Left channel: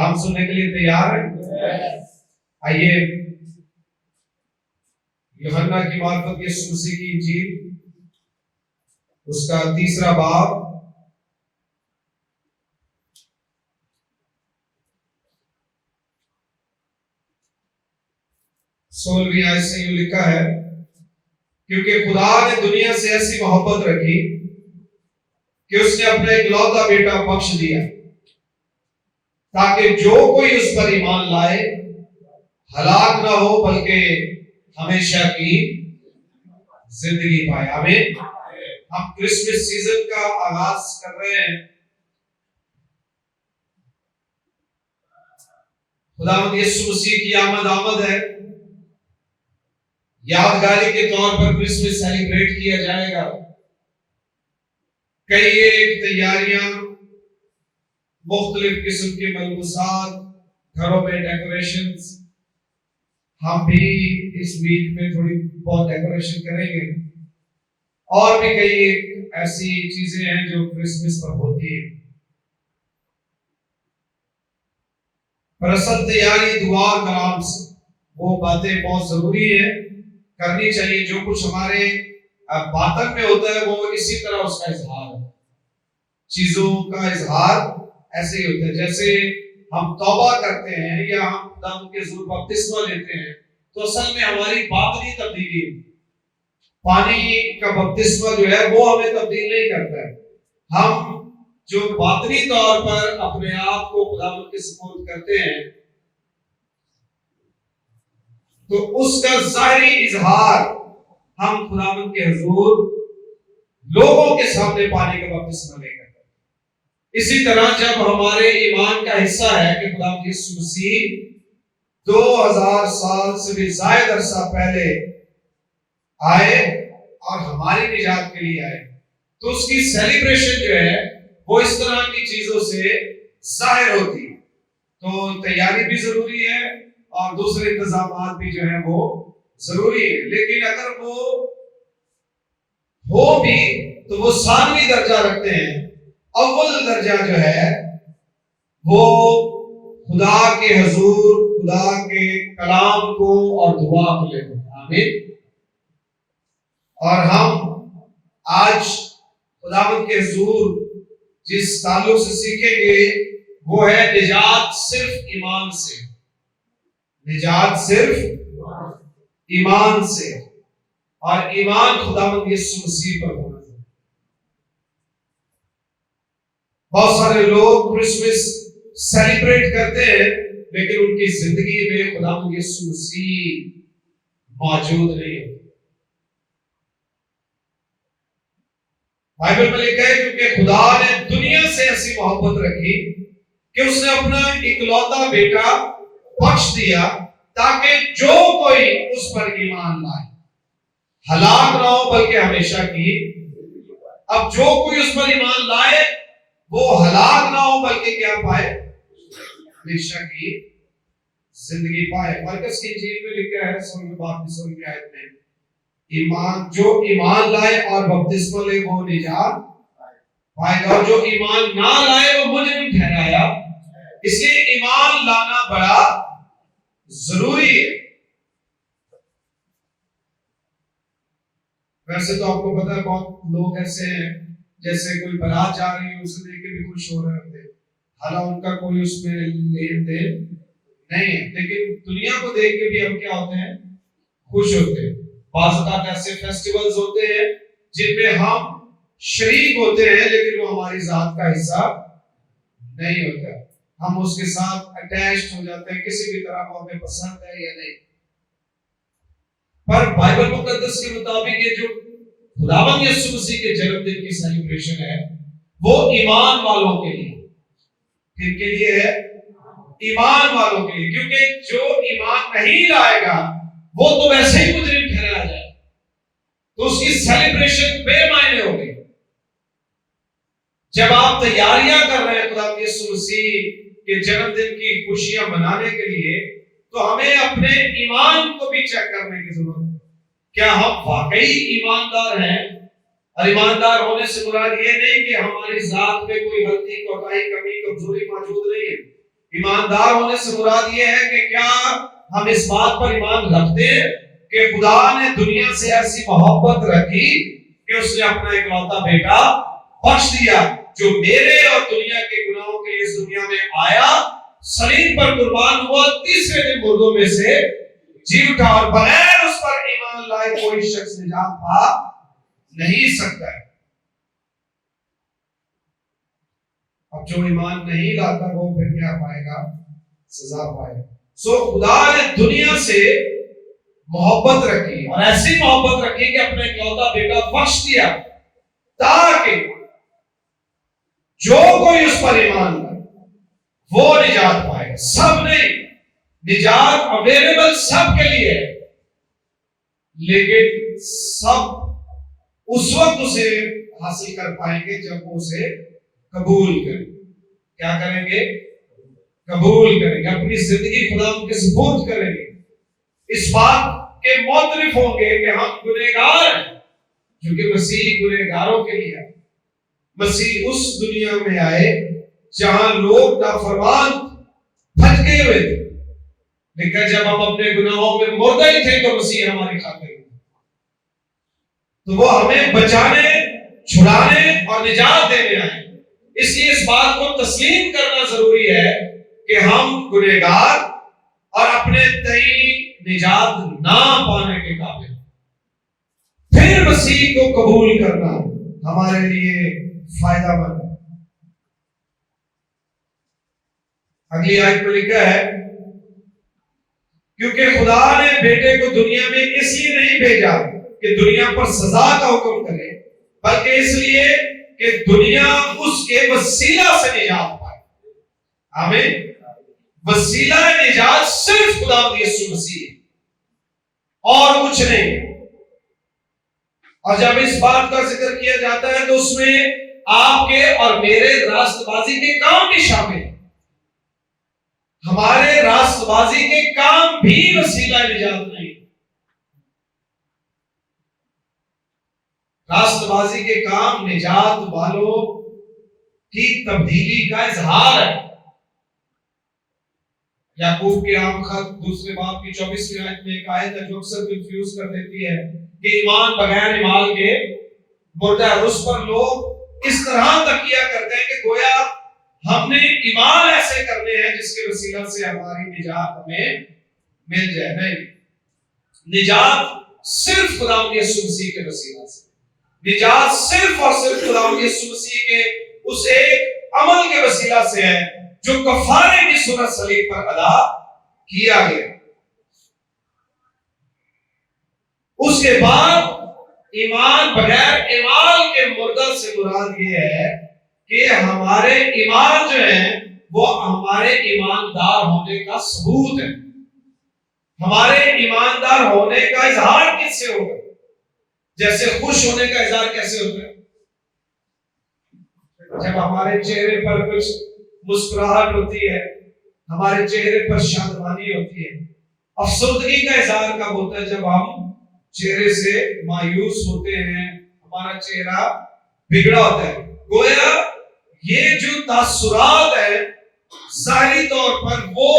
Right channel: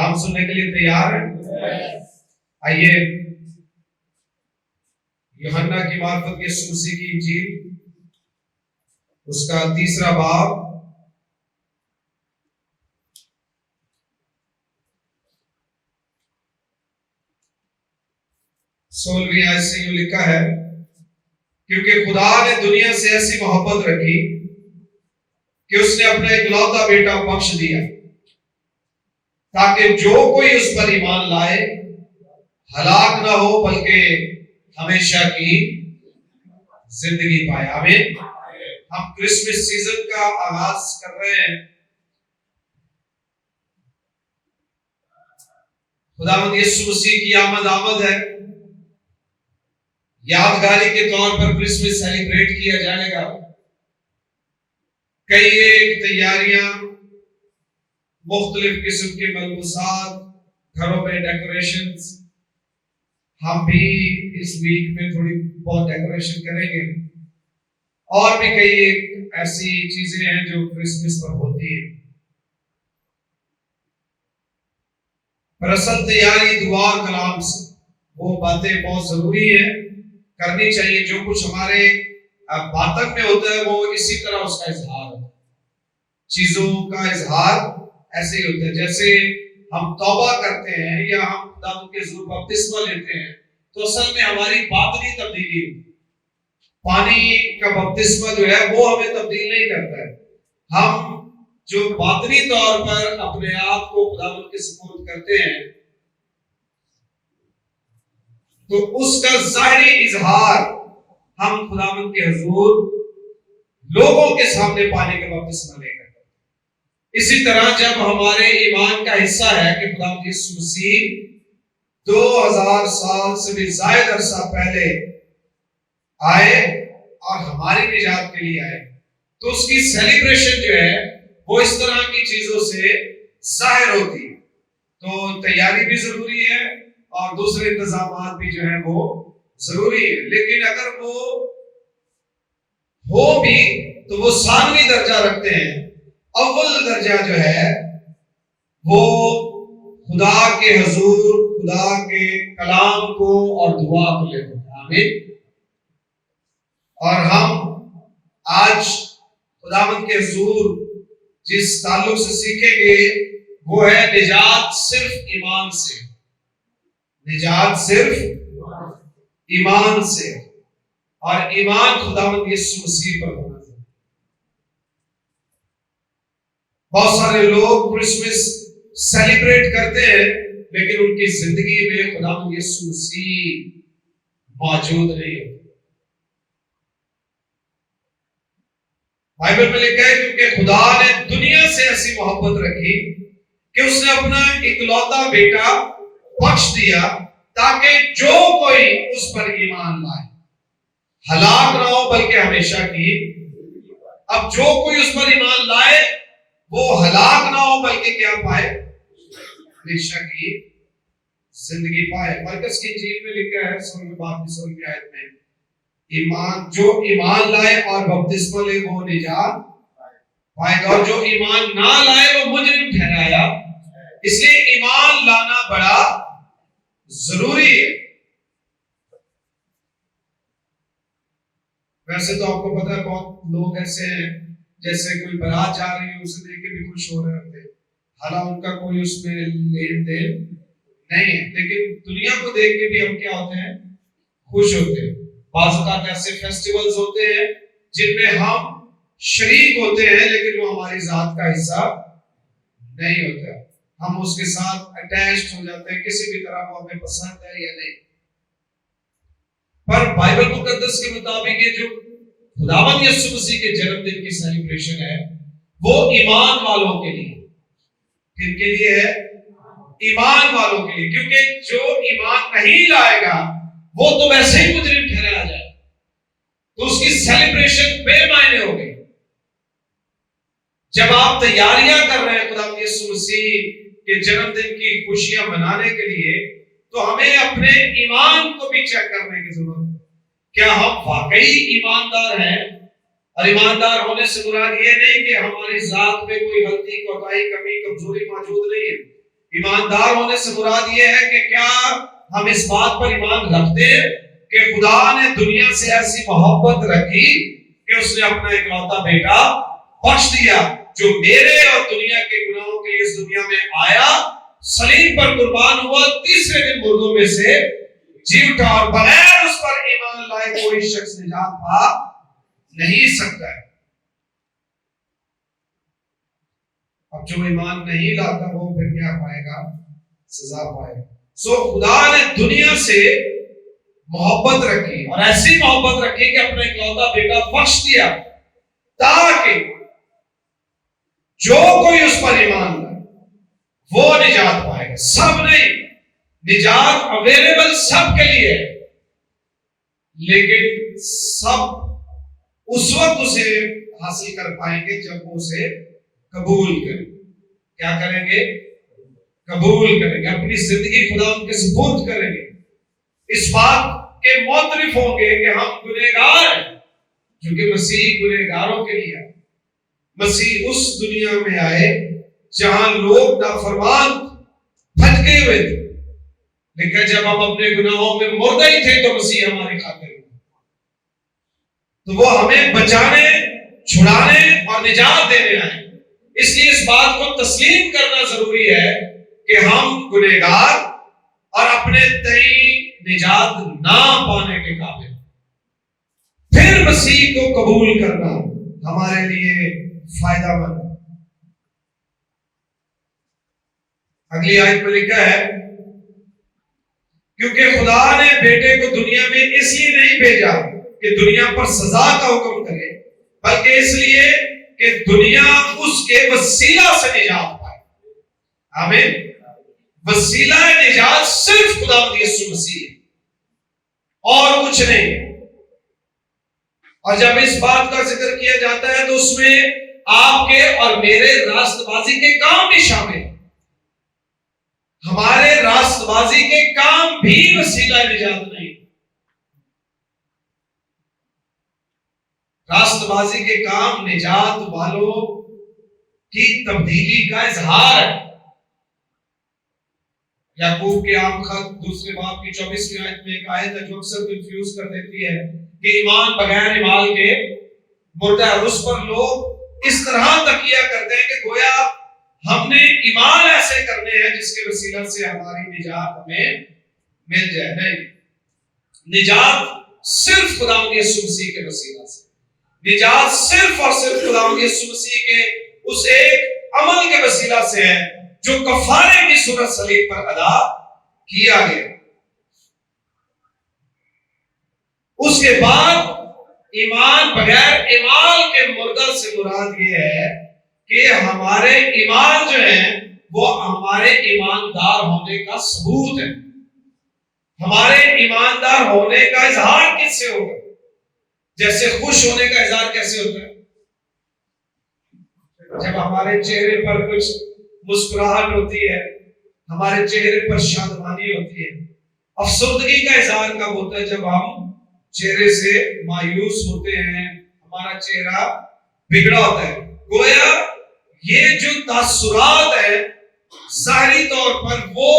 कलाम सुनने के लिए तैयार हैं? आइए यूहन्ना की मार्फत यीशु मसीह की इंजील उसका 3 बाब 16वीं आयत से यूं लिखा है, क्योंकि खुदा ने दुनिया से ऐसी मोहब्बत रखी कि उसने अपना इकलौता बेटा बख्श दिया, ताकि जो कोई उस पर ईमान लाए हलाक ना हो बल्कि हमेशा की जिंदगी पाए। आमीन। हम क्रिसमस सीजन का आगाज कर रहे हैं। खुदावंद यीशु मसीह की आमद है। यादगारी के तौर पर क्रिसमस सेलिब्रेट किया जाएगा। कई एक तैयारियां, मुख्तलिफ किस्म के मलबूसात, घरों में डेकोरेशंस, हम भी इस वीक में थोड़ी बहुत डेकोरेशन करेंगे। और भी कई एक ऐसी चीजें हैं जो क्रिसमस पर होती है। पर असल तैयारी दुआ और कलाम से, वो बातें बहुत जरूरी है, करनी चाहिए। जो कुछ हमारे बातन में होता है वो इसी तरह उसका इजहार है। चीजों का इजहार ऐसे ही होता है। जैसे हम तौबा करते हैं या हम खुदा के ज़रूर बपतिस्मा लेते हैं, तो असल में हमारी बातनी तब्दीली है। पानी का बपतिस्मा जो है वो हमें तब्दील नहीं करता है। हम जो बातनी तौर पर अपने आप को खुदावंद के सुपुर्द करते हैं, तो उसका ज़ाहिरी इजहार हम खुदावंद के हुजूर लोगों के सामने पानी का बपतिस्मा लेकर। इसी तरह जब हमारे ईमान का हिस्सा है कि खुदावंद यीशु मसीह 2000 साल से भी ज्यादा अरसा पहले आए और हमारी निजात के लिए आए, तो उसकी सेलिब्रेशन जो है वो इस तरह की चीजों से जाहिर होती है। तो तैयारी भी जरूरी है और दूसरे इंतजामात भी जो है वो जरूरी है। लेकिन अगर वो हो भी तो वो सामने दर्जा रखते हैं। अव्वल दर्जा जो है वो खुदा के हुजूर, खुदा के कलाम को और दुआ को लेते हैं। आमीन। और हम आज खुदावंद के हुजूर जिस ताल्लुक से सीखेंगे वो है निजात सिर्फ ईमान से। निजात सिर्फ ईमान से, और ईमान खुदावंद यीशु मसीह पर होना चाहिए। बहुत सारे लोग क्रिसमस सेलिब्रेट करते हैं लेकिन उनकी जिंदगी में खुदावंद यीशु मसीह मौजूद नहीं है। बाइबल में लिखा है, क्योंकि खुदा ने दुनिया से ऐसी मोहब्बत रखी कि उसने अपना इकलौता बेटा बख्श दिया, ताकि जो कोई उस पर ईमान लाए हलाक ना हो बल्कि हमेशा की। अब जो कोई उस पर ईमान लाए वो हलाक ना हो बल्कि क्या पाए? हमेशा की जिंदगी पाए। मरकस की इंजील में लिखा है 16वीं आयत में, ईमान जो ईमान लाए और बपतिस्मा ले वो निजात पाएगा, और जो ईमान ना लाए वो मुजरिम ठहराया। इसलिए ईमान लाना बड़ा जरूरी है। वैसे तो आपको पता है बहुत लोग ऐसे हैं, जैसे कोई बारात जा रही है उसे देख के भी खुश हो रहे होते हैं, हालांकि उनका कोई उसमें लेन देन नहीं है, लेकिन दुनिया को देख के भी हम क्या होते हैं? खुश होते हैं। बाज़ ऐसे फेस्टिवल्स होते हैं जिनमें हम शरीक होते हैं लेकिन वो हमारी जात का हिस्सा नहीं होता। हम उसके साथ अटैच्ड हो जाते हैं, किसी भी तरह को हमें पसंद है या नहीं। पर बाइबल मुकद्दस के मुताबिक ये जो खुदावंद यीशु मसीह के जन्मदिन की सेलिब्रेशन है वो ईमान वालों के लिए। किनके लिए है? ईमान वालों के लिए। क्योंकि जो ईमान नहीं लाएगा वो तो वैसे ही मुजरिम ठहराया जाए, तो उसकी सेलिब्रेशन बेमायने हो गई। जब आप तैयारियां कर रहे हैं खुदावंद यीशु मसीह के जन्मदिन की खुशियां मनाने के लिए, तो हमें अपने ईमान को भी चेक करने की जरूरत है। क्या हम वाकई ईमानदार हैं? और ईमानदार होने से मुराद ये नहीं कि हमारी जात में कोई गलती, कोताही, कमी, कमजोरी मौजूद नहीं है। ईमानदार होने से मुराद ये है कि क्या हम इस बात पर ईमान रखते हैं कि खुदा ने दुनिया से ऐसी मोहब्बत रखी कि उसने अपना इकलौता बेटा बख्श दिया, जो मेरे और दुनिया के गुनाहों के लिए इस दुनिया में आया, सलीब पर कुर्बान हुआ, तीसरे दिन मुर्दों में से जी उठा, और बगैर उस पर ईमान लाए कोई शख्स निजात पा नहीं सकता है। अब जो ईमान नहीं लाता वो फिर क्या पाएगा? सजा पाएगा। सो खुदा ने दुनिया से मोहब्बत रखी, और ऐसी मोहब्बत रखी कि अपना इकलौता बेटा बख्श दिया, ताकि जो कोई उस पर ईमान लाए वो निजात पाएगा। सब नहीं, निजात अवेलेबल सबके लिए है, लेकिन सब उस वक्त उसे हासिल कर पाएंगे जब वो उसे कबूल करें। क्या करेंगे? कबूल करेंगे, अपनी जिंदगी खुदा के सुपुर्द करेंगे, इस बात के मुतरिफ होंगे कि हम गुनहगार हैं, क्योंकि मसीह गुनहगारों के लिए, मसीह उस दुनिया में आए जहां लोग नाफरमान भटके हुए थे, लेकिन जब हम अपने गुनाहों में मुर्दा ही थे तो मसीह हमारे खातिर, तो वो हमें बचाने, छुड़ाने और निजात देने आए। इसलिए इस बात को तस्लीम करना जरूरी है कि हम गुनहगार और अपने तई निजात ना पाने के काबिल, फिर मसीह को कबूल करना हमारे लिए फायदामंद है। अगली आयत में लिखा है, क्योंकि खुदा ने बेटे को दुनिया में इसलिए नहीं भेजा कि दुनिया पर सजा का हुक्म करे, बल्कि इसलिए कि दुनिया उसके वसीला से निजात पाए। आमीन। वसीला निजात सिर्फ खुदा यीशु मसीह है और कुछ नहीं। और जब इस बात का जिक्र किया जाता है तो उसमें आपके और मेरे रास्तबाजी के काम भी शामिल है। हमारे रास्तबाजी के काम भी वसीला निजात नहीं। रास्तबाजी के काम निजात वालों की तब्दीली का इजहार है। याकूब के आम खत दूसरे बाब की 24वीं आयत में एक आयत है जो अक्सर कंफ्यूज कर देती है कि ईमान बगैर इमाल के मुर्दा है। उस पर लोग इस तरह तकिया करते हैं कि गोया हमने ईमान ऐसे करने हैं जिसके वसीला से हमारी निजात हमें मिल जाए। नहीं, निजात सिर्फ खुदा यीशु मसीह के वसीला से, निजात सिर्फ और सिर्फ खुदा यीशु मसीह के उस एक अमल के वसीला से है जो कफारे की सूरत सलीब पर अदा किया गया। उसके बाद ईमान बगैर ईमान के मुर्दा से मुराद ये है कि हमारे ईमान जो है वो हमारे ईमानदार होने का सबूत है। हमारे ईमानदार होने का इजहार किससे होगा? जैसे खुश होने का इजहार कैसे होता है? जब हमारे चेहरे पर कुछ मुस्कुराहट होती है, हमारे चेहरे पर शांतमानी होती है। अफसोसगी का इजहार कब होता है? जब हम चेहरे से मायूस होते हैं, हमारा चेहरा बिगड़ा होता है। गोया ये जो तासुरात है ज़ाहिरी तौर पर वो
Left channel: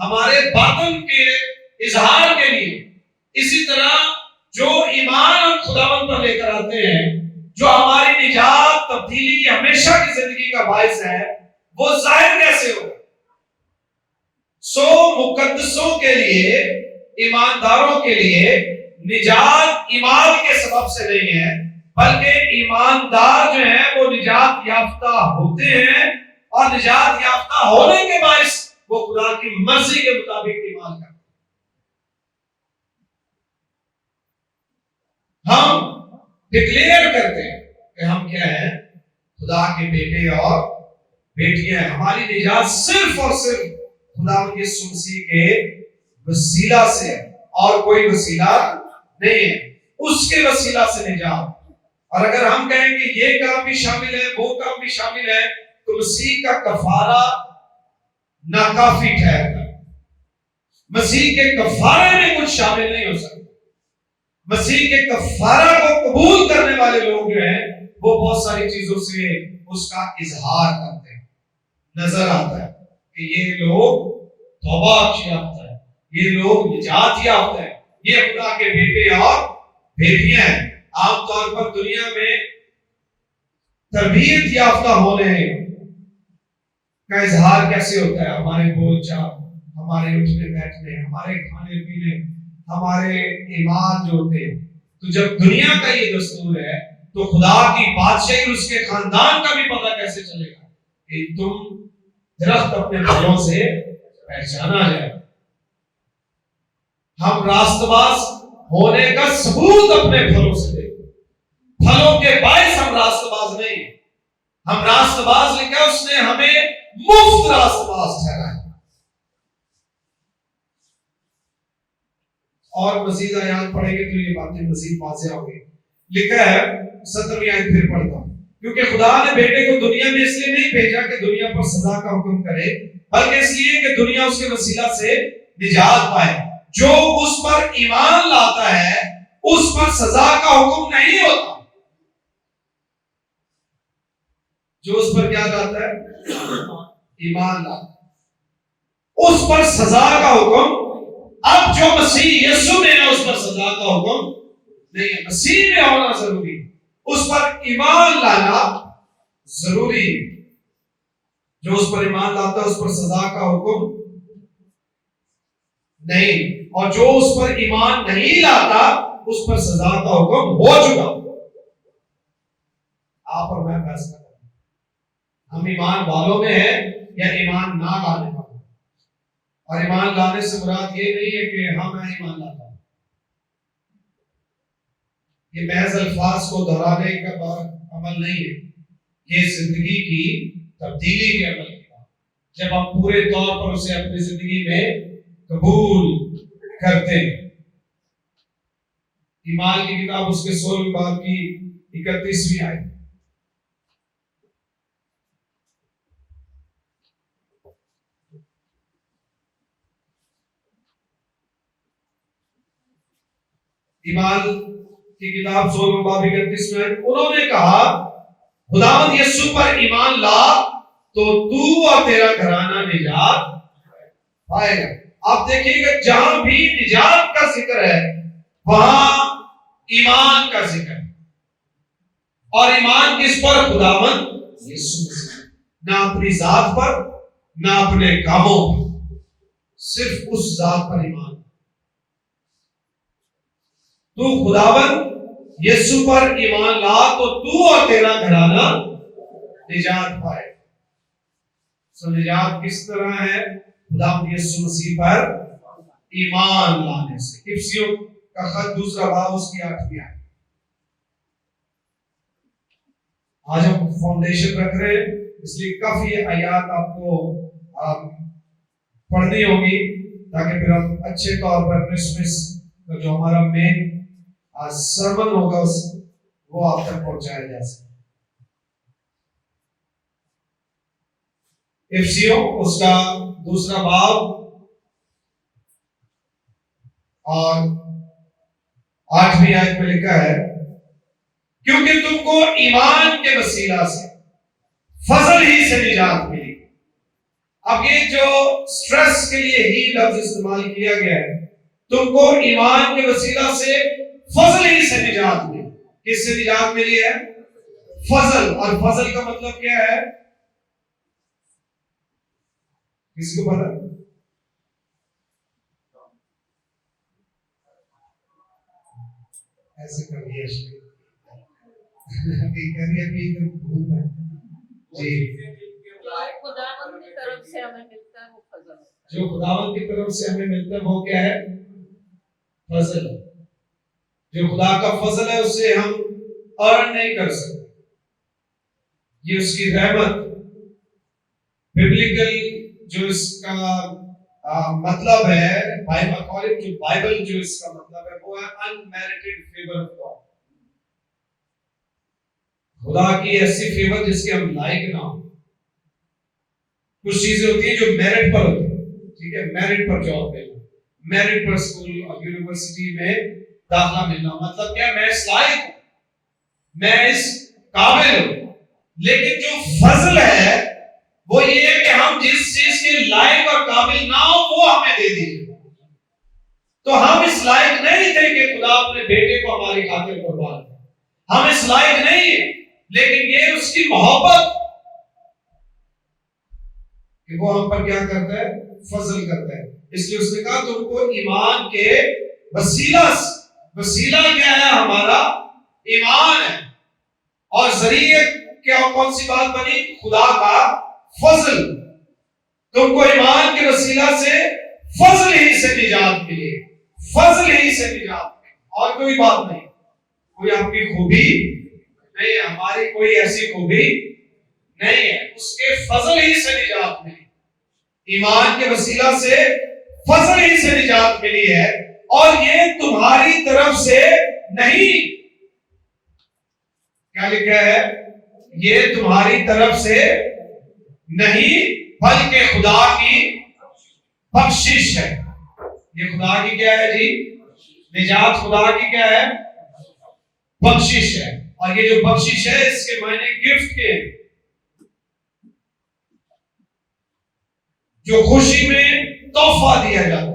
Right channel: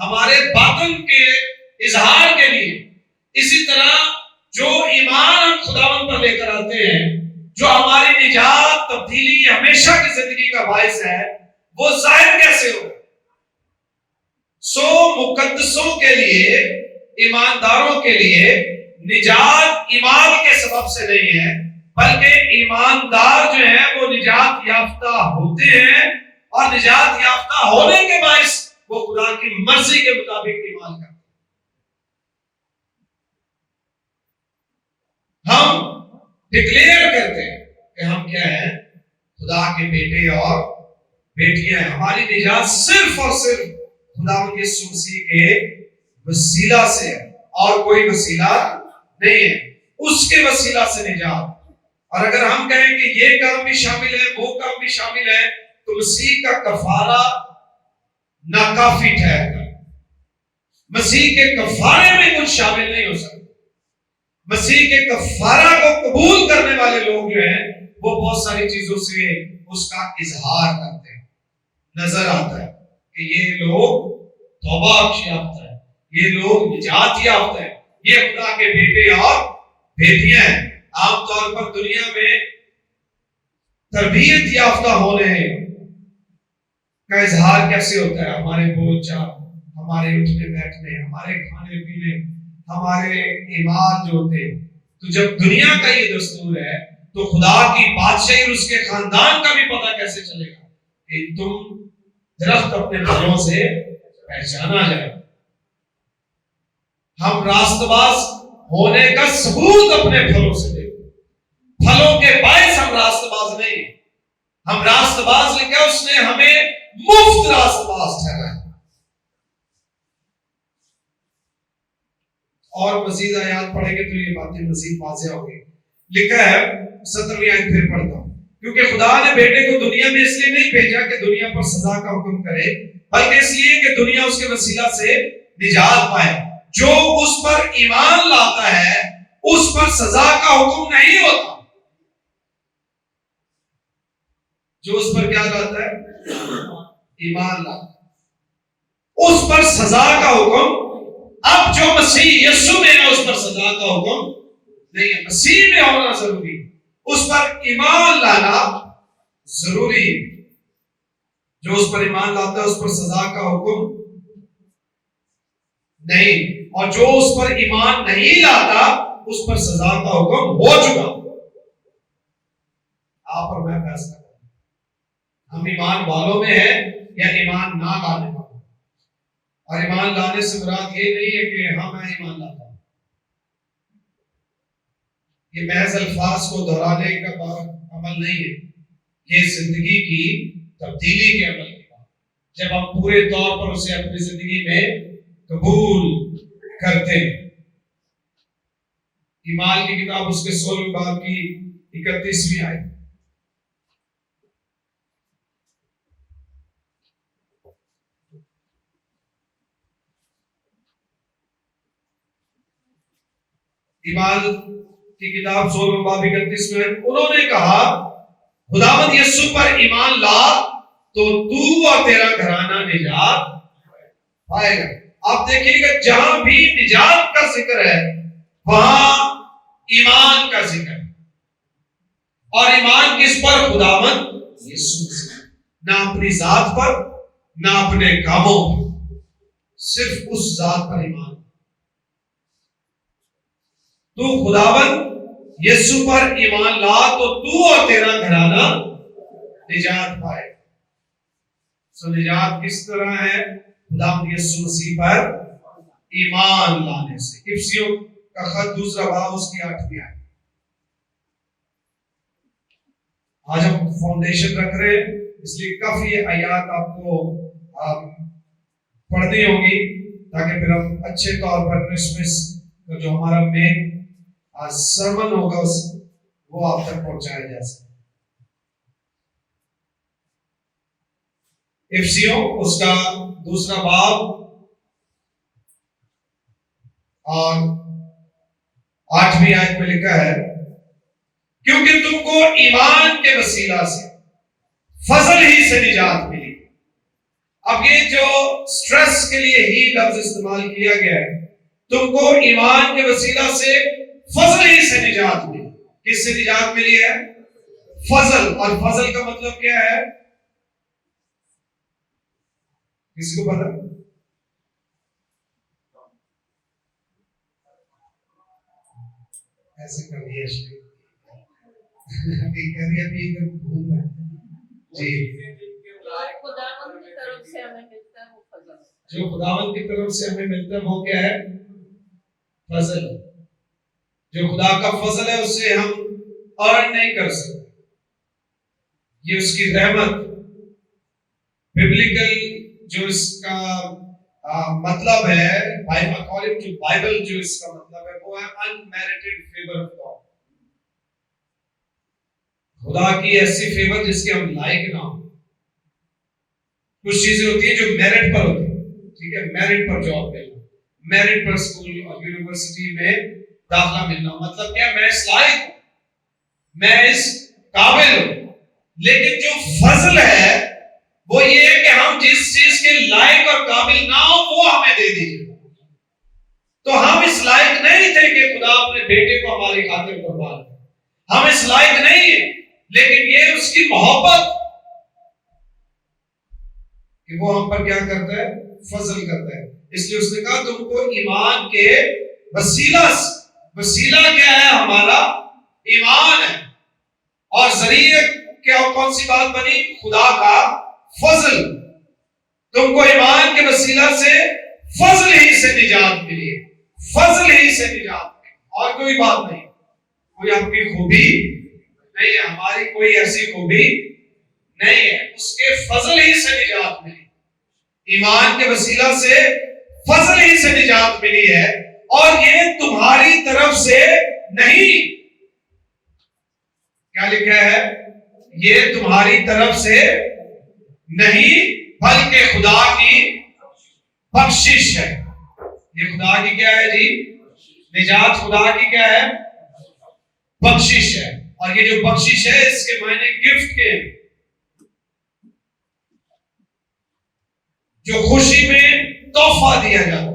हमारे बातिन के इजहार के लिए, इसी तरह जो ईमान हम खुदावन पर लेकर आते हैं, जो हमारी निजात तब्दीली हमेशा की जिंदगी का बाइस है, वो जाहिर कैसे हो? मुकद्दसों के लिए, ईमानदारों के लिए निजात ईमान के सबब से नहीं है, बल्कि ईमानदार जो है वो निजात याफ्ता होते हैं और निजात याफ्ता होने के बाइस वो खुदा की मर्जी के मुताबिक ईमान करते हैं। हम डिक्लेयर करते हैं कि हम क्या हैं? खुदा के बेटे और बेटियां। हमारी निजात सिर्फ और सिर्फ खुदा यीशु मसीह के वसीला से है और कोई वसीला नहीं है। उसके वसीला से निजात। और अगर हम कहें कि ये काम भी शामिल है, वो काम भी शामिल है, तो मसीह का कफारा नाकाफी ठहरता है। मसीह के कफारे में कुछ शामिल नहीं हो सकता। मसीह के कफारा को कबूल करने वाले लोग जो हैं वो बहुत सारी चीजों से उसका इजहार करते हैं, नजर आता है। कि ये लोग तौबा याफ्ता है, ये लोग निजात याफ्ता है, ये खुदा के बेटे और बेटियां हैं। आमतौर पर दुनिया में तरबियत याफ्ता होने का इजहार कैसे होता है? हमारे बोलचाल, हमारे उठने बैठने, हमारे खाने पीने, हमारे ईमान जो होते हैं। तो जब दुनिया का ये दस्तूर है तो खुदा की बादशाही और उसके खानदान का भी पता कैसे चलेगा कि तुम दरख्त अपने फलों से पहचाना जाए। हम रास्तबाज होने का सबूत अपने फलों से देखो। फलों के बायस हम रास्तबाज नहीं है, हम रास्तबाज लिखा उसने हमें मुफ्त रास्तबाज ठहराया। और मजीद आयात पढ़ेंगे तो ये बातें मजीद वाज़ेह होंगी। लिखा है 17वीं आयत फिर पढ़ता हूं, क्योंकि खुदा ने बेटे को दुनिया में इसलिए नहीं भेजा कि दुनिया पर सजा का हुक्म करे, बल्कि इसलिए कि दुनिया उसके वसीला से निजात पाए। जो उस पर ईमान लाता है उस पर सजा का हुक्म नहीं होता। जो उस पर क्या लाता है? ईमान लाता, उस पर सजा का हुक्म। अब जो मसीह यीशु में है उस पर सजा का हुक्म नहीं है, मसीह में होना जरूरी, उस पर ईमान लाना जरूरी। जो उस पर ईमान लाता है उस पर सजा का हुक्म नहीं, और जो उस पर ईमान नहीं लाता उस पर सजा का हुक्म हो चुका। आप और मैं फैसला करें, हम ईमान वालों में है या ईमान ना लाने वाले। और ईमान लाने से मुराद ये नहीं है कि हाँ मैं ईमान लाता हूं, ये महज अल्फाज को दोहराने का अमल नहीं है, ये जिंदगी की तब्दीली के अमल की बात। जब हम पूरे तौर पर उसे अपनी जिंदगी में कबूल करते हैं। ईमान की किताब उसके 16वें बाब की 31वीं आयत। ईमान की किताब 16वें बाब 31 में उन्होंने कहा, खुदावंद यीशु पर ईमान ला तो तू और तेरा घराना निजात पाएगा। आप देखिएगा जहां भी निजात का जिक्र है वहां ईमान का जिक्र है। और ईमान किस पर? खुदावंद यीशु मसीह, ना अपनी जात पर ना अपने कामों पर, सिर्फ उस जात पर ईमान। तू खुदावंद यीशु पर ईमान ला तो तू और तेरा घराना निजात पाए। सो निजात किस तरह है? खुदावंद यीशु मसीह पर ईमान लाने से। इफ्सियों का खत 2 बाब उसकी 8वीं आयत। आज हम फाउंडेशन रख रहे हैं, इसलिए काफी आयत आपको पढ़नी होगी ताकि फिर हम अच्छे तौर पर क्रिसमस का जो हमारा मेन सरमन होगा वो आप तक पहुंचाया जा सके। इफ्सियों उसका 2 बाब और 8वीं आयत में लिखा है, क्योंकि तुमको ईमान के वसीला से फजल ही से निजात मिली। अब ये जो स्ट्रेस के लिए ही लफ्ज इस्तेमाल किया गया है, तुमको ईमान के वसीला से फजल ही से निजात मिली। किससे निजात मिली है? फजल। और फजल का मतलब क्या है? किसी को पता? ऐसे कर दिया जी। खुदावंद की तरफ से हमें मिलता है वो फजल। जो खुदावंद की तरफ से हमें मिलता है वो क्या है? फजल। जो खुदा का फजल है उससे हम अर्न नहीं कर सकते, ये उसकी रहमत। बिब्लिकल जो इसका मतलब है, अकॉर्डिंग टू बाइबल जो इसका मतलब है वो है अनमेरिटेड फेवर ऑफ गॉड। खुदा की ऐसी फेवर जिसके हम लायक ना हो। कुछ चीजें होती हैं जो मेरिट पर होती है, ठीक है? मेरिट पर जॉब मिलना, मेरिट पर स्कूल और यूनिवर्सिटी में दाखिला मिलना, मतलब क्या? मैं इस लायक हूं, मैं इस काबिल हूं। लेकिन जो फजल है वो ये है कि हम जिस चीज के जिसके लायक और काबिल ना हो वो हमें दे दी। तो हम इस लायक नहीं थे कि खुदा अपने बेटे को हमारी खातिर कुर्बान करे, हम इस लायक नहीं है, लेकिन ये उसकी मोहब्बत कि वो हम पर क्या करता है, फजल करता है। इसलिए उसने कहा तुमको ईमान के वसीला क्या है, हमारा ईमान है, और जरिए क्या कौन सी बात बनी, खुदा का फजल। तुमको ईमान के वसीला से फजल ही से निजात मिली, फजल ही से निजात मिली, और कोई बात नहीं, कोई आपकी खूबी नहीं है, हमारी कोई ऐसी खूबी नहीं है, उसके फजल ही से निजात मिली। ईमान के वसीला से फजल ही से निजात मिली है, और ये तुम्हारी तरफ से नहीं। क्या लिखा है, ये तुम्हारी तरफ से नहीं बल्कि खुदा की बख्शिश है। ये खुदा की क्या है जी, निजात खुदा की क्या है, बख्शिश है। और ये जो बख्शिश है इसके मायने गिफ्ट के, जो खुशी में तोहफा दिया जाता है।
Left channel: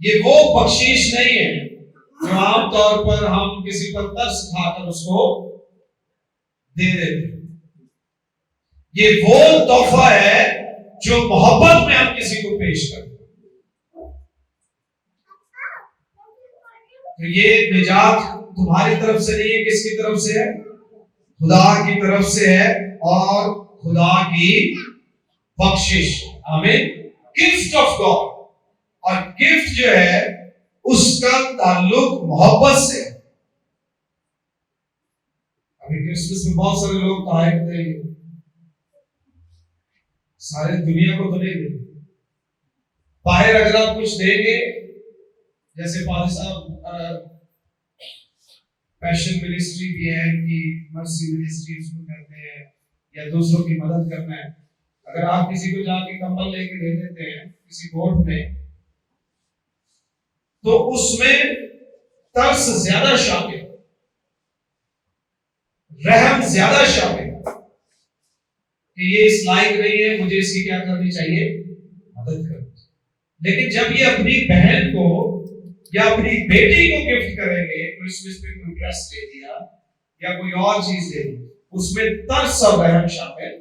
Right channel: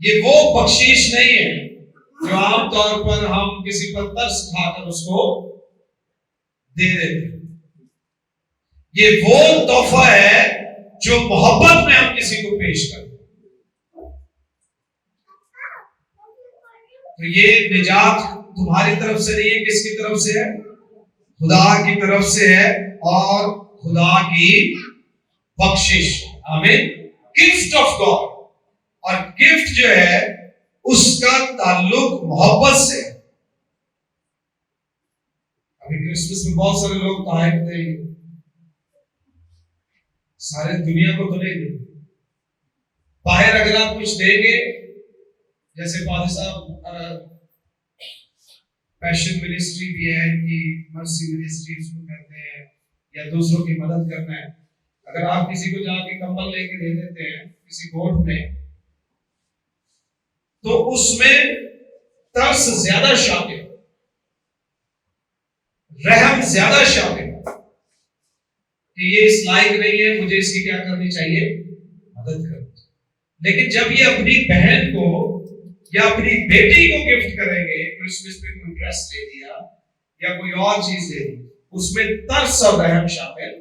ये वो बख्शीश नहीं है जो आमतौर पर हम किसी पर तरस खाकर उसको दे देते। ये वो तोहफा है जो मोहब्बत में हम किसी को पेश करते। तो ये निजात तुम्हारी तरफ से नहीं है, किसकी तरफ से है, खुदा की तरफ से है, और खुदा की बख्शिश। आमीन। गिफ्ट ऑफ गॉड, और गिफ्ट जो है उसका ताल्लुक मोहब्बत से। अभी क्रिसमस में बहुत सारे लोग तायब देंगे, सारे दुनिया को तो नहीं देंगे, बाहर अगर आप कुछ देंगे, जैसे फादर साहब पैशन मिनिस्ट्री भी है इनकी, मर्सी मिनिस्ट्री उसको कहते हैं, या दूसरों की मदद करना है। अगर आप किसी को जाके कंबल लेके दे देते हैं किसी गोट में, तो उसमें तरस ज्यादा शामिल, रहम ज्यादा शामिल, कि ये इस लायक नहीं है, मुझे इसकी क्या करनी चाहिए, मदद करनी। लेकिन जब ये अपनी बहन को या अपनी बेटी को गिफ्ट करेंगे, क्रिसमस पे कोई ड्रेस दे दिया या कोई और चीज दे दी, उसमें तरस और रहम शामिल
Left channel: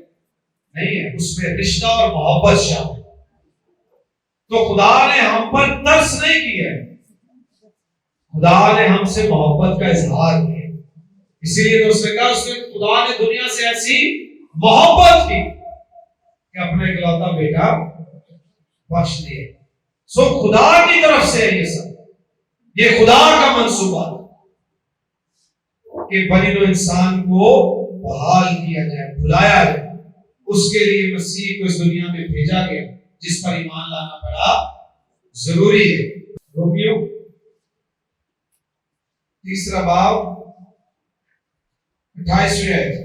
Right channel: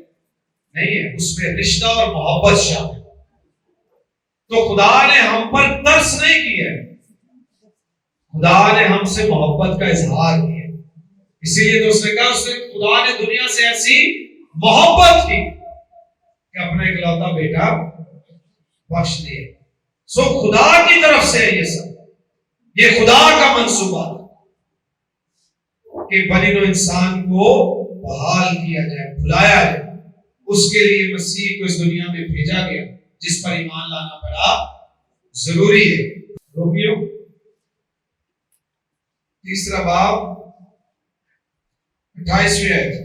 नहीं है, उसमें रिश्ता और मोहब्बत शामिल। तो खुदा ने हम पर तरस नहीं किया, खुदा ने हमसे मोहब्बत का इजहार किया। इसीलिए तो उसने कहा, उसने खुदा ने दुनिया से ऐसी मोहब्बत की कि अपना इकलौता बेटा बख्श दिया। सो खुदा की तरफ से ये सब, ये खुदा का मंसूबा कि बनी नो इंसान को बहाल किया जाए, बुलाया जाए। उसके लिए मसीह को इस दुनिया में भेजा गया, जिस पर ईमान लाना बड़ा जरूरी है। रोमियो 3 बाब 28वीं आयत,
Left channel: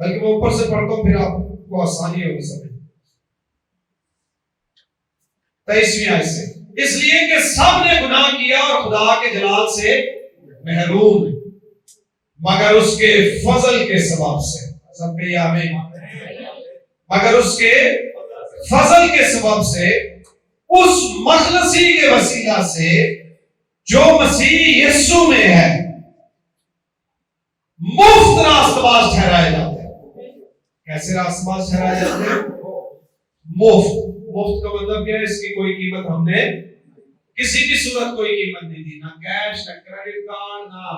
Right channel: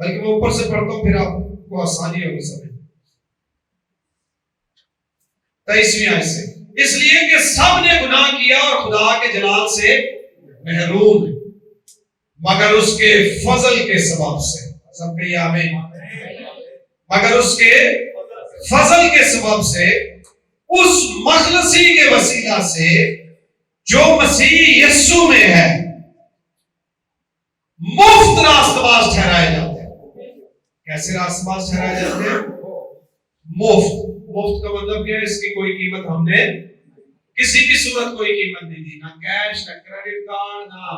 बल्कि मैं ऊपर से पढ़ता हूं, फिर आपको आसानी होगी समझ। 23वीं आयत से, इसलिए कि सब ने गुनाह किया और खुदा के जलाल से महरूम है, मगर उसके फजल के सबब से। सबके आमीन। मगर उसके फजल के सबब से, उस मखलसी के वसीला से जो मसीह यीशु में है, मुफ्त रास्तबाज ठहराए जाते हैं। कैसे रास्तबाज ठहराए जाते हैं? मुफ्त। मुफ्त का मतलब क्या है? इसकी कोई कीमत हमने किसी भी सूरत कोई कीमत नहीं दी, ना कैश, ना क्रेडिट कार्ड, ना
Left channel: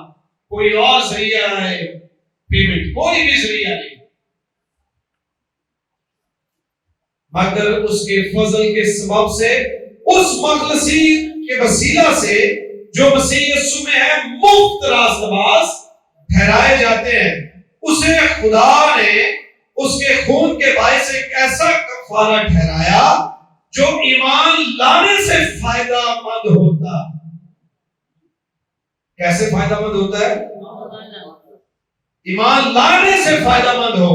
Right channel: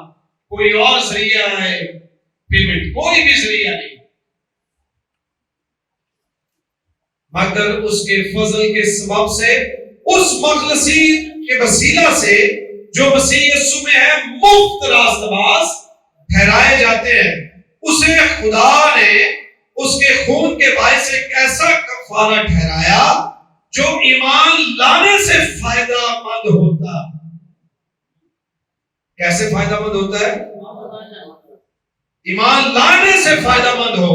कोई और जरिया है पेमेंट, कोई भी जरिया नहीं, मगर उसके फजल के सबब से, उस मखलसी के वसीला से जो मसीह यीशु में है, मुफ्त रास्तबाज ठहराए जाते हैं। उसे खुदा ने उसके खून के बायस से एक ऐसा कफारा ठहराया जो ईमान लाने से फायदामंद होता। कैसे फायदामंद होता है? ईमान लाने से फायदामंद हो।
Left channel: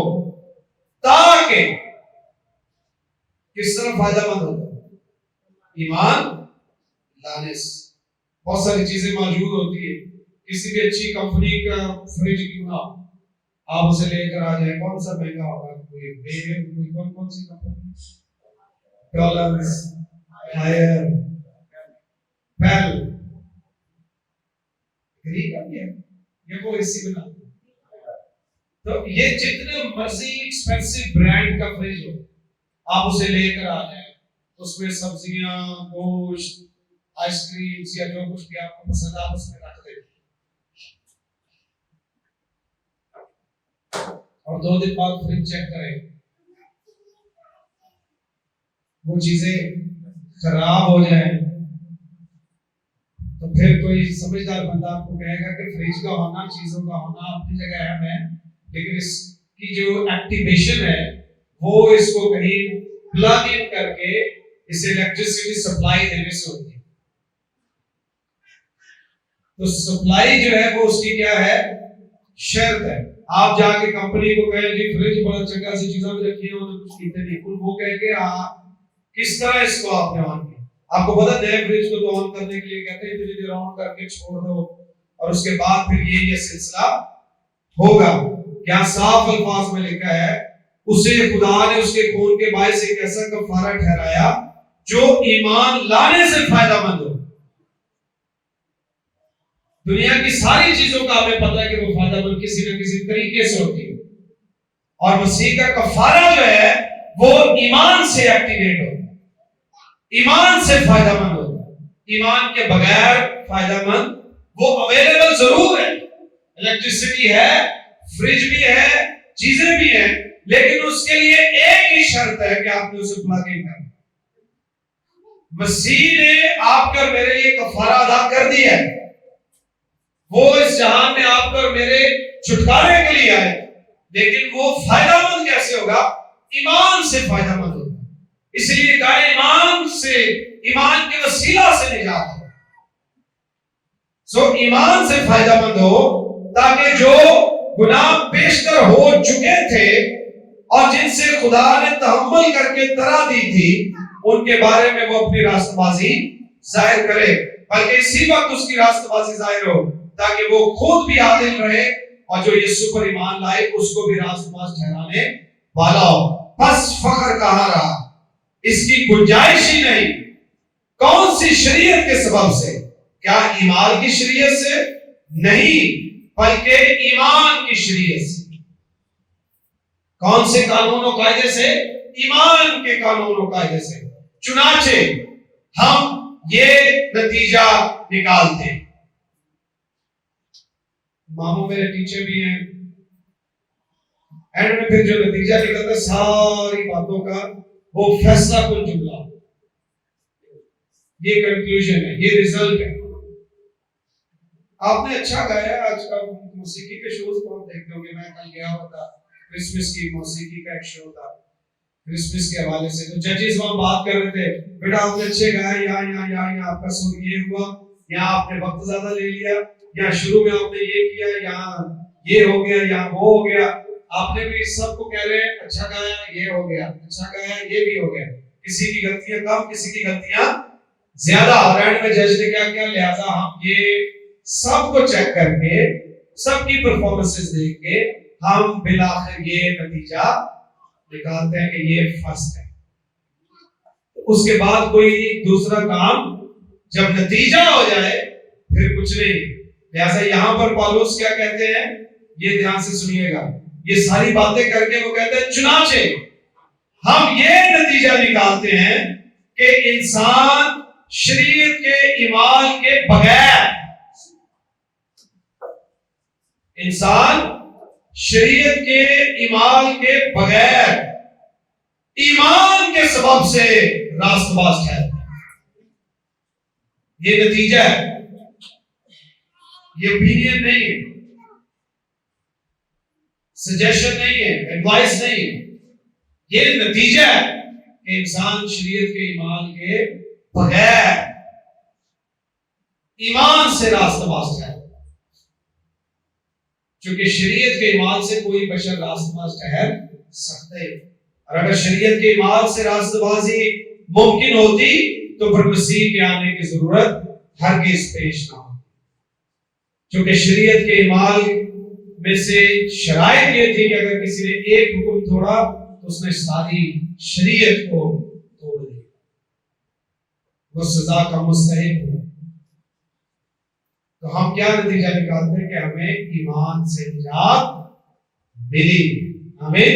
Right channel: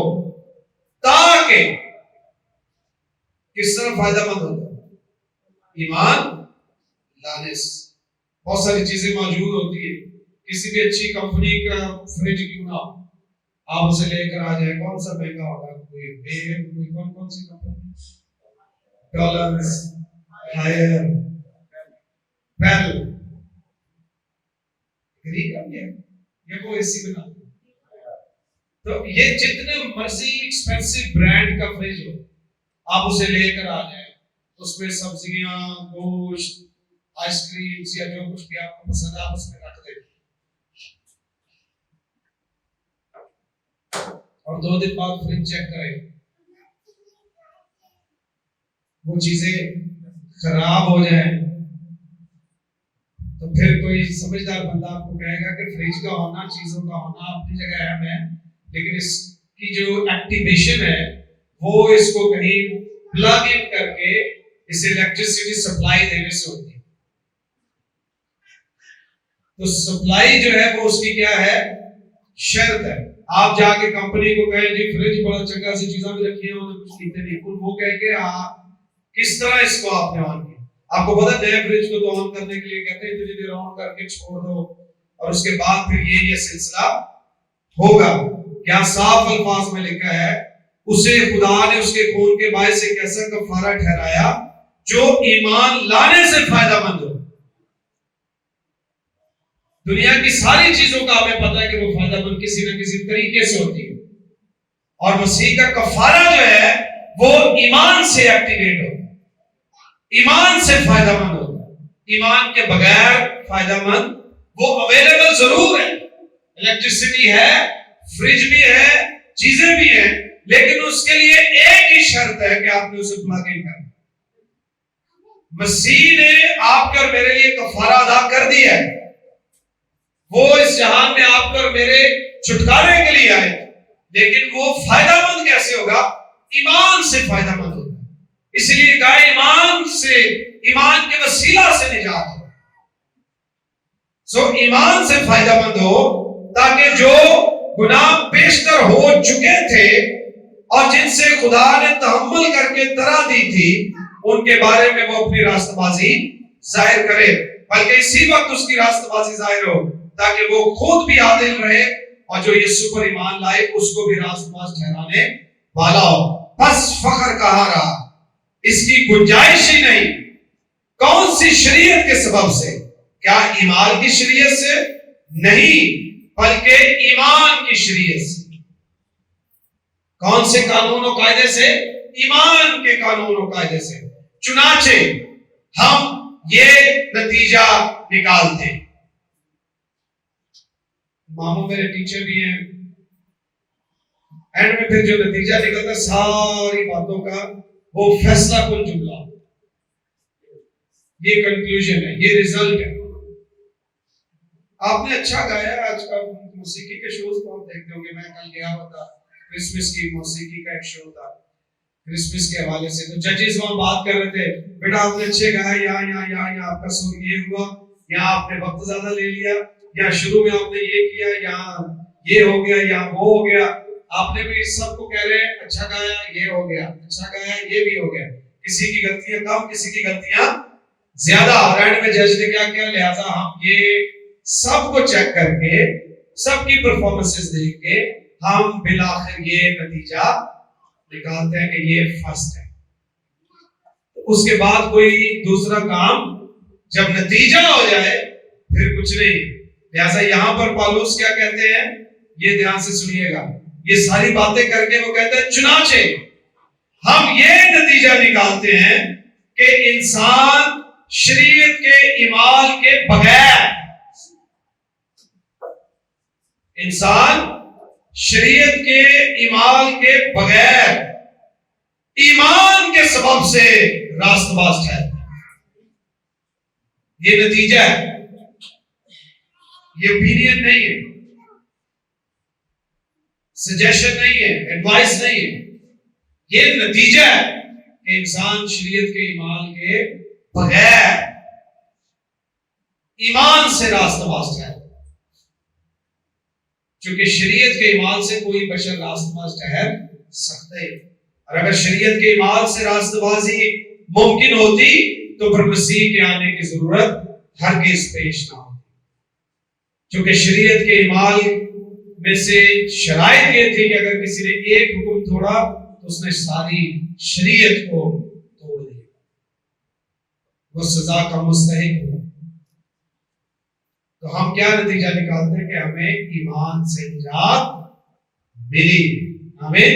ताकि किस तरह फायदामंद होता? ईमान लाने से। बहुत सारी चीजें मौजूद होती है। किसी भी अच्छी कंपनी का फ्रिज क्यों ना हो, आप उसे लेकर आ जाए, कौन सा महंगा होगा, कोई कौन सी कंपनी, डॉलर्स, हायर, पेल, ये वो एसी बना। तो ये जितने मर्जी एक्सपेंसिव ब्रांड का फ्रिज हो, आप उसे लेकर आ जाए, उसमें सब्जियां, गोश्त, आइसक्रीम या जो कुछ भी आपको पसंद है आप उसमें रख दें, और 2 दिन बाद फ्रिज चेक करें, वो चीजें खराब हो जाए, तो फिर कोई समझदार बंदा आपको कहेगा कि फ्रिज का होना, चीजों का होना अपनी जगह अहम है, लेकिन इसकी जो एक्टिवेशन है वो इसको कहीं प्लग इन करके इसे इलेक्ट्रिसिटी सप्लाई देने से होती है। तो सप्लाई जो है वो उसकी क्या है, शर्त है। आप जाके कंपनी को कहें जी फ्रिज बड़ा चंगा सी चीजें भी रखी हैं, उन्होंने कुछ कीते नहीं, वो कहेंगे किस तरह इसको आपने ऑन किया। आपको पता है फ्रिज को तो ऑन करने के लिए कहते हैं इतनी देर ऑन करके छोड़ दो और उसके बाद फिर ये सिलसिला होगा। क्या साफ अल्फाज में लिखा है, उसे खुदा ने उसके खून के बायस एक ऐसा कफारा ठहराया जो ईमान लाने से फायदामंद हो। दुनिया की सारी चीजों का हमें पता है कि वो फायदामंद किसी न किसी तरीके से होती है, और मसीह का कफारा जो है वो ईमान से एक्टिवेट होता है, ईमान से फायदामंद होता है। ईमान के बगैर फायदामंद, वो अवेलेबल जरूर है, इलेक्ट्रिसिटी है, फ्रिज भी है, चीजें भी हैं, लेकिन उसके लिए एक ही शर्त है कि आपने उसे प्लग इन करना। मसीह ने आपका और मेरे लिए कफारा अदा कर दिया है, वो इस जहान में आपका और मेरे छुटकारे के लिए आए, लेकिन वो फायदामंद कैसे होगा, ईमान से फायदामंद होगा। इसलिए कहा ईमान से, ईमान के वसीला से निजात हो। सो ईमान से फायदामंद हो, ताकि जो गुनाह पेशतर हो चुके थे और जिनसे खुदा ने तहम्मुल करके तरा दी थी, उनके बारे में वो अपनी रास्तबाजी जाहिर करे, बल्कि इसी वक्त उसकी रास्तबाजी जाहिर हो, ताकि वो खुद भी आदिल रहे और जो यीशु पर ईमान लाए उसको भी रास्तबाज ठहराने वाला हो। बस फख्र कहाँ रहा, इसकी गुंजाइश ही नहीं। कौन सी शरीयत के सबब से? क्या ईमान की शरीयत से? नहीं, बल्कि ईमान की शरीयत से। कौन से कानून और कायदे से? ईमान के कानून और कायदे से। चुनाचे हम ये नतीजा निकालते। मामू मेरे टीचर भी हैं, एंड में फिर जो नतीजा निकलता सारी बातों का, वो फैसला कुल जुमला, ये कंक्लूजन है, ये रिजल्ट है। आपने अच्छा गाया। आज का मौसीकी के शोज को आप देखते होंगे, मैं कल गया हुआ था, क्रिसमस की मौसीकी का एक शो था क्रिसमस के हवाले से, तो जजेस वहां बात कर रहे थे, बेटा आपने अच्छे गाए, यहाँ आपका सुर ये हुआ, यहाँ आपने वक्त ज्यादा ले लिया, या शुरू में आपने ये किया, यहाँ ये हो गया, यहाँ वो हो गया। आपने भी सबको कह रहे हैं अच्छा गाया, ये हो गया, अच्छा गाया, ये भी हो गया। किसी की गलतियां कम, किसी की गलतियां ज्यादा। और एंड में जज ने क्या किया, लिहाजा हम ये सबको चेक करके, सबकी परफॉर्मेंसेस देख के हम बिलाखिर ये नतीजा निकालते हैं कि ये फर्स्ट है। उसके बाद कोई दूसरा काम जब नतीजा हो जाए फिर कुछ नहीं। लिहाजा यहां पर पौलुस क्या कहते हैं, ये ध्यान से सुनिएगा, ये सारी बातें करके वो कहते हैं चुनाचे हम ये नतीजा निकालते हैं कि इंसान शरीयत के इमाल के बगैर, इंसान शरीयत के इमाल के बगैर ईमान के सबब से रास्तबाज है। ये नतीजा है, ये ओपिनियन नहीं है, सजेशन नहीं है, एडवाइस नहीं है, ये नतीजा है कि इंसान शरीयत के ईमान के बगैर ईमान से रास्तबाज है। क्योंकि शरीयत के ईमान से कोई बशर रास्तबाज ठहर सकते, और अगर शरीयत के ईमान से रास्तबाजी मुमकिन होती तो फिर मसीह के आने की जरूरत हरगिज़ पेश ना हो। क्योंकि शरीयत के इमाल में से शराइत ये थी कि अगर किसी ने एक हुक्म तोड़ा तो उसने सारी शरीयत को तोड़ दिया, वो सजा का मुस्तहिक हो। तो हम क्या नतीजा निकालते हैं कि हमें ईमान से निजात मिली। हमें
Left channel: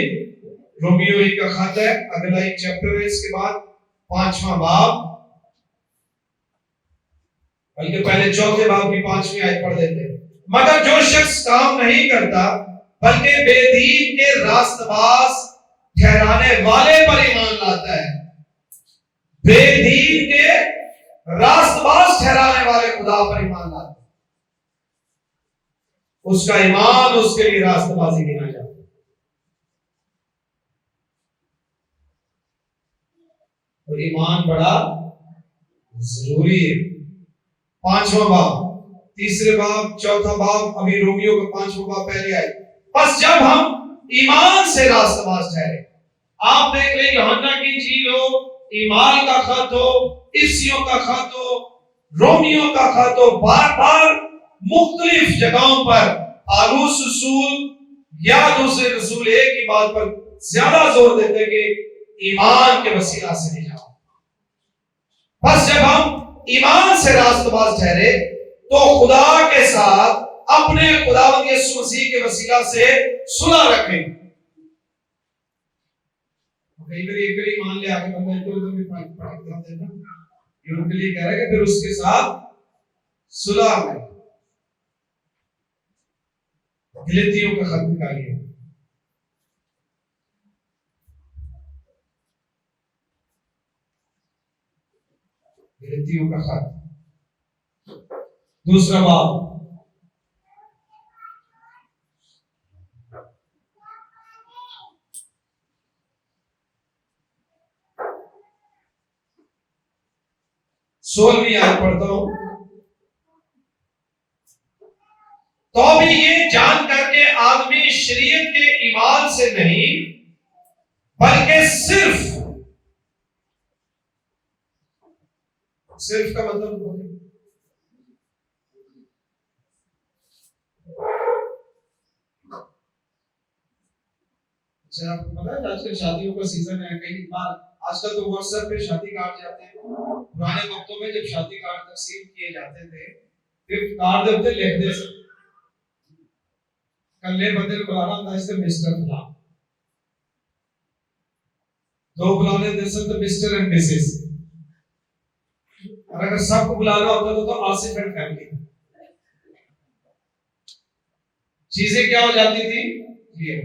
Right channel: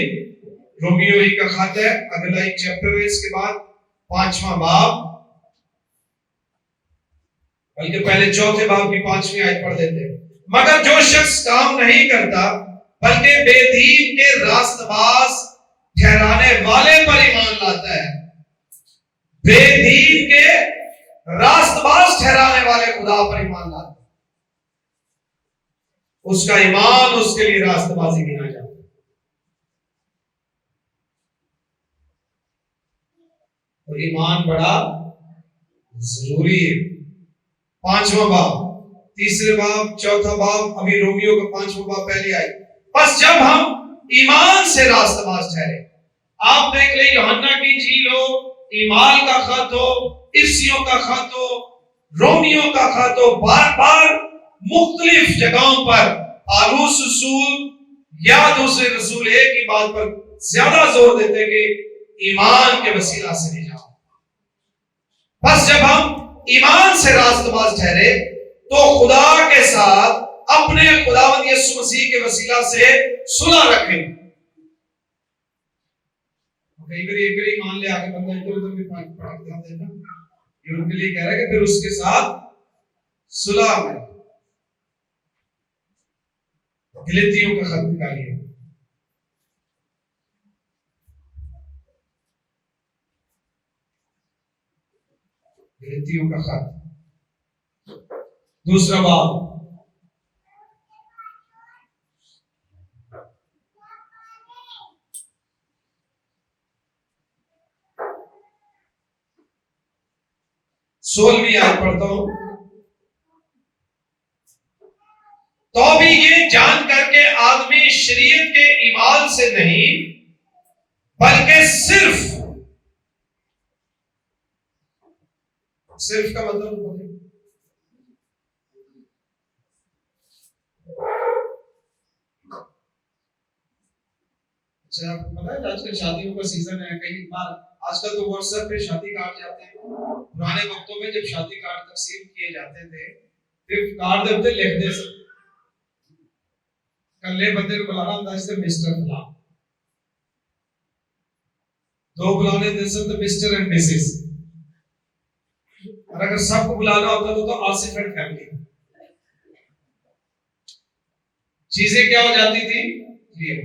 रोमियो ही का खत है, अगला एक चैप्टर है, इसके बाद 5वां बाब, बल्कि पहले 4थे बाब की 5वीं आयत पढ़ देते हैं। मगर जो शख्स काम नहीं करता बल्कि बेदीन के रास्तबाज ठहराने वाले पर ईमान लाता है, बेदीन के रास्तबाज ठहराने वाले खुदा पर ईमान लाता है, उसका ईमान उसके लिए रास्तबाजी गिना जाता है। और ईमान बड़ा जरूरी है। 5वां बाब, 3रे बाब, 4था बाब, अभी रोमियो का 5वां बाब पहले आई। बस जब हम ईमान से रास्तबाज ठहरे, आप देख लें यूहन्ना की इंजील हो, ईमान का खत हो, इफ्सियों का खत हो, रोमियो का खत हो, बार बार मुख्तलिफ जगहों पर पालूस रसूल या दूसरे रसूल एक ही बात पर ज्यादा जोर देते कि ईमान के वसीला से नहीं जाओ। बस जब हम ईमान से रास्तबाज ठहरे तो खुदा के साथ अपने खुदावंद यीशु मसीह के वसीला से सुलह रखें। कई बार एक ही मान ले आगे बंदा इधर भी पढ़ देता, ये उनके लिए कह रहा है कि फिर उसके साथ सुलह में। गलतियों का खत निकालिए, गलतियों का खत 2रा बाब, सोलहवीं आयत पढ़ता हूं। तो भी ये जान करके आदमी शरीयत के ईमान से नहीं बल्कि सिर्फ का मतलब अच्छा, आपको पता है आजकल शादियों का सीजन है, कई बार आजकल तो व्हाट्सएप पे शादी कार्ड जाते हैं। पुराने वक्तों में जब शादी कार्ड तकसीम किए जाते थे, फिर कार्ड देते लिखते सब कल्ले बंदे को बुलाना होता है मिस्टर फला, 2 बुलाने दे सकते मिस्टर एंड मिसेस, और अगर सबको बुलाना होता तो आसिफ एंड फैमिली। चीजें क्या हो जाती थी क्लियर।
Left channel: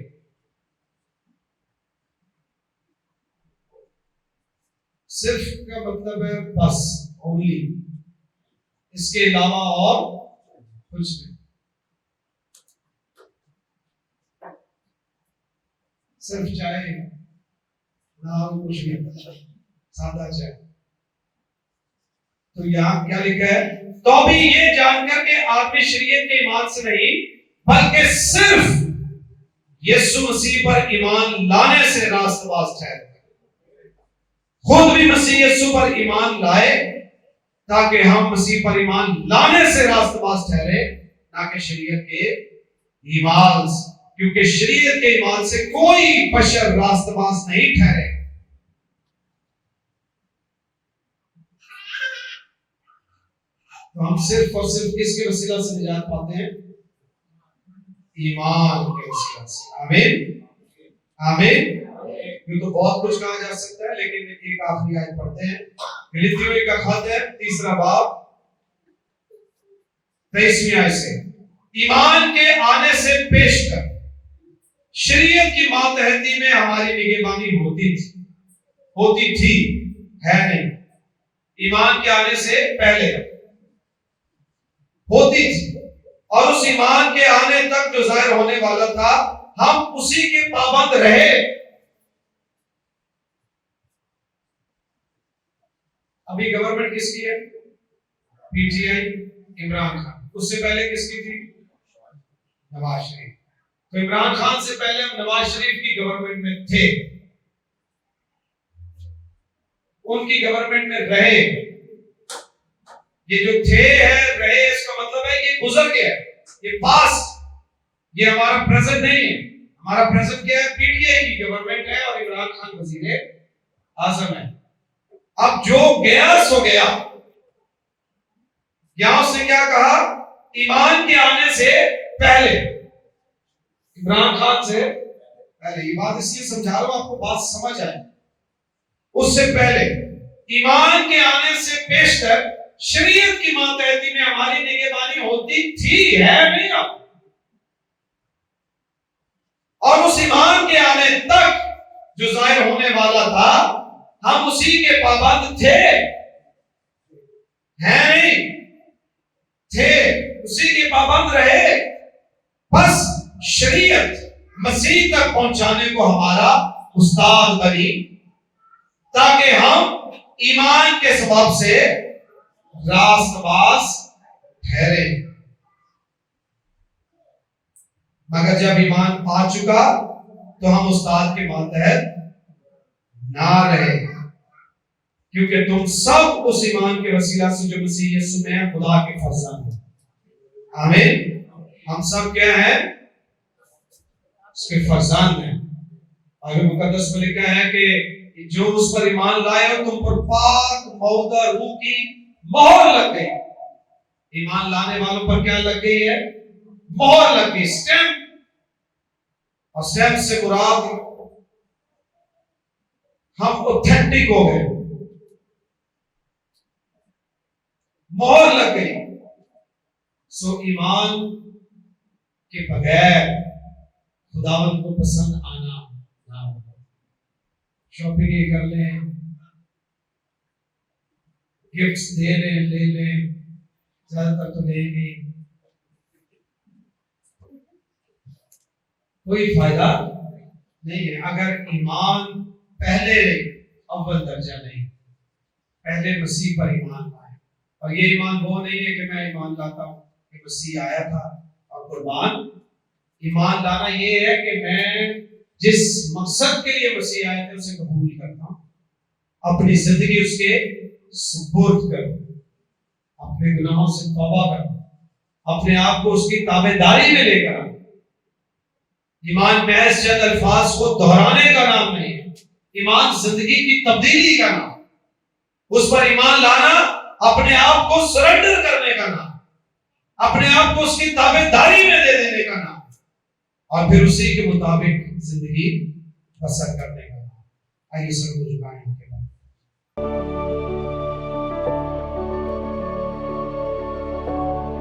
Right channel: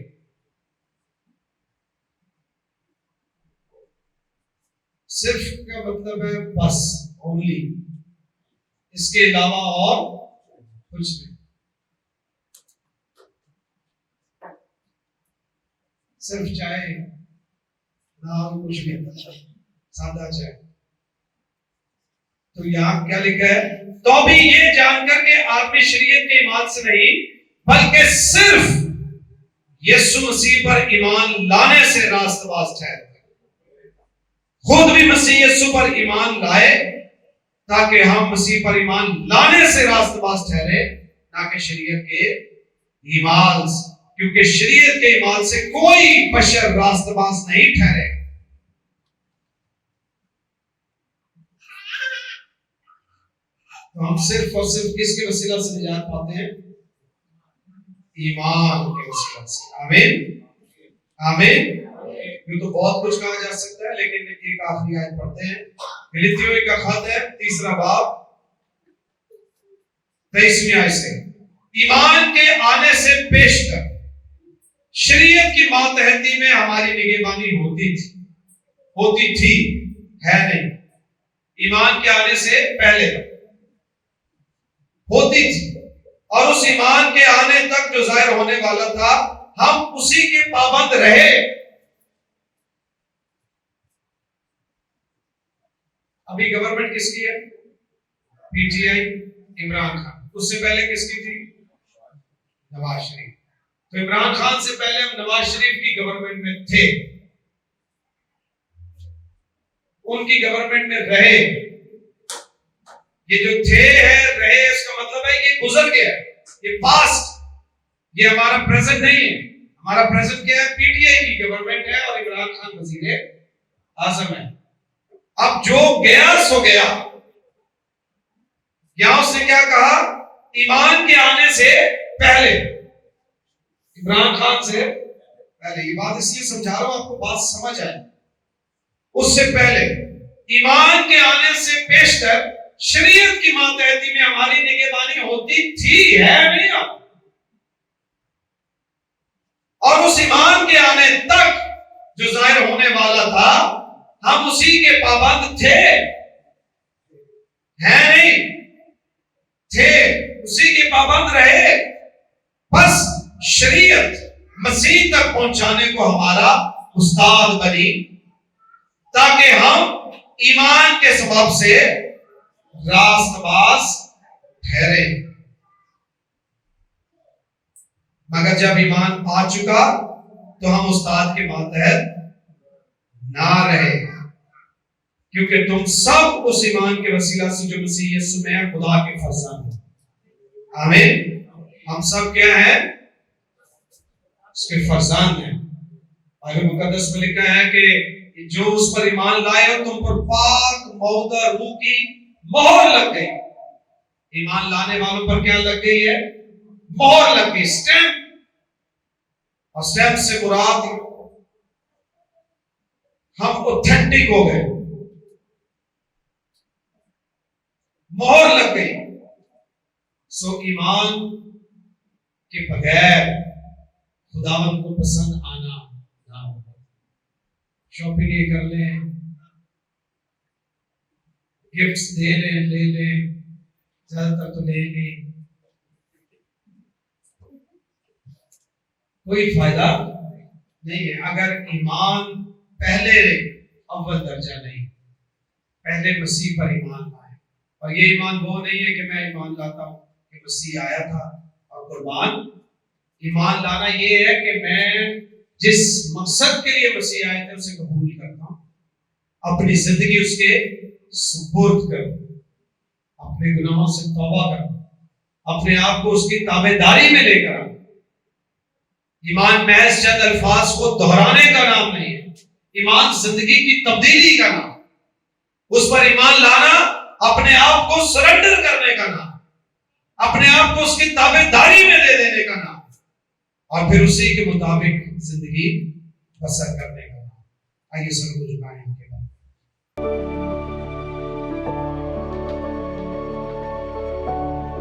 सिर्फ का मतलब है बस, ओनली, इसके अलावा और कुछ नहीं। सिर्फ चाय, नाम कुछ नहीं, सादा चाय। तो यहां क्या लिखा है? तो भी ये जानकर के आदमी शरीयत के ईमान से नहीं बल्कि सिर्फ यीशु मसीह पर ईमान लाने से रास्तबाज ठहरे। खुद भी मसीह यीशु पर ईमान लाए ताकि हम मसीह पर ईमान लाने से रास्तबाज ठहरे, ना कि शरीयत के ईमान से, क्योंकि शरीयत के ईमान से कोई बशर रास्तबाज नहीं ठहरे। तो हम सिर्फ और सिर्फ किसके वसीला से निजात पाते हैं? ईमान के वसीला से। आमीन, आमीन। ये तो बहुत कुछ कहा जा सकता है, लेकिन एक आखिरी आयत पढ़ते हैं। फिलिप्पियों का खत है, 3रा बाब, 23वीं आयत से। ईमान के आने से पेशतर शरीयत की मातहती में हमारी निगहबानी होती थी, है नहीं। ईमान के आने से पहले होती थी, और उस ईमान के आने तक जो जाहिर होने वाला था हम उसी के पाबंद रहे। अभी गवर्नमेंट किसकी है? पीटीआई, इमरान खान। उससे पहले किसकी थी? नवाज शरीफ। तो इमरान खान से पहले हम नवाज शरीफ की गवर्नमेंट में थे, उनकी गवर्नमेंट में रहे, ये जो थे है रहे इसका मतलब है ये गुजर गया, ये पास्ट, ये हमारा प्रेजेंट नहीं है। हमारा प्रेजेंट क्या है? पीटीआई की गवर्नमेंट है और इमरान खान वजीर आजम है। अब जो गया सो गया। यहां उसने क्या कहा? ईमान के आने से पहले, इमरान खान से पहले। ये बात इसलिए समझा रहा हूं आपको बात समझ आए। उससे पहले ईमान के आने से पेशतर शरीयत की मातहती में हमारी निगहबानी होती थी, है नहीं अब। और उस ईमान के आने तक जो जाहिर होने वाला था हम उसी के पाबंद थे, हैं नहीं थे, उसी के पाबंद रहे। बस शरीयत मसीह तक पहुंचाने को हमारा उस्ताद बनी ताकि हम ईमान के सबब से रास्तबाज ठहरे। मगर जब ईमान आ चुका तो हम उस्ताद के मातहत ना रहे, क्योंकि तुम सब उस ईमान के वसीला से जो मसीह यीशु में है खुदा के फर्जंद हो। आमीन। हम सब क्या हैं? उसके फर्जंद हैं। बाइबल मुकद्दस में लिखा है कि जो उस पर ईमान लाए और तुम पर पाक मौदा रूह की मोहर लग गई। ईमान लाने वालों पर क्या लग गई है? मोहर लग गई, स्टैंप। और स्टैंप से मुराद हम ऑथेंटिक हो गए, मोहर लग गई। सो ईमान के बगैर खुदावंद को पसंद आना ना होगा। शॉपिंग ये कर लें, गिफ्ट्स दे लें, ले लें, ज्यादातर तो लेंगे, कोई फायदा नहीं है अगर ईमान पहले अव्वल दर्जा नहीं, पहले मसीह पर ईमान लाए। और ये ईमान वो नहीं है कि मैं ईमान लाता हूं कि मसीह आया था और कुर्बान। ईमान लाना ये है कि मैं जिस मकसद के लिए मसीह आए थे उसे कबूल करता हूं, अपनी जिंदगी उसके सुपुर्द कर, अपने गुनाहों से तौबा कर, अपने आप को उसकी ताबेदारी में लेकर। ईमान महज चंद अल्फाज को दोहराने का नाम नहीं है, ईमान जिंदगी की तब्दीली का नाम। उस पर ईमान लाना अपने आप को सरेंडर करने का नाम, अपने आप को उसकी ताबेदारी में दे देने का नाम, और फिर उसी के मुताबिक जिंदगी बसर करने का नाम। आइए सब कुछ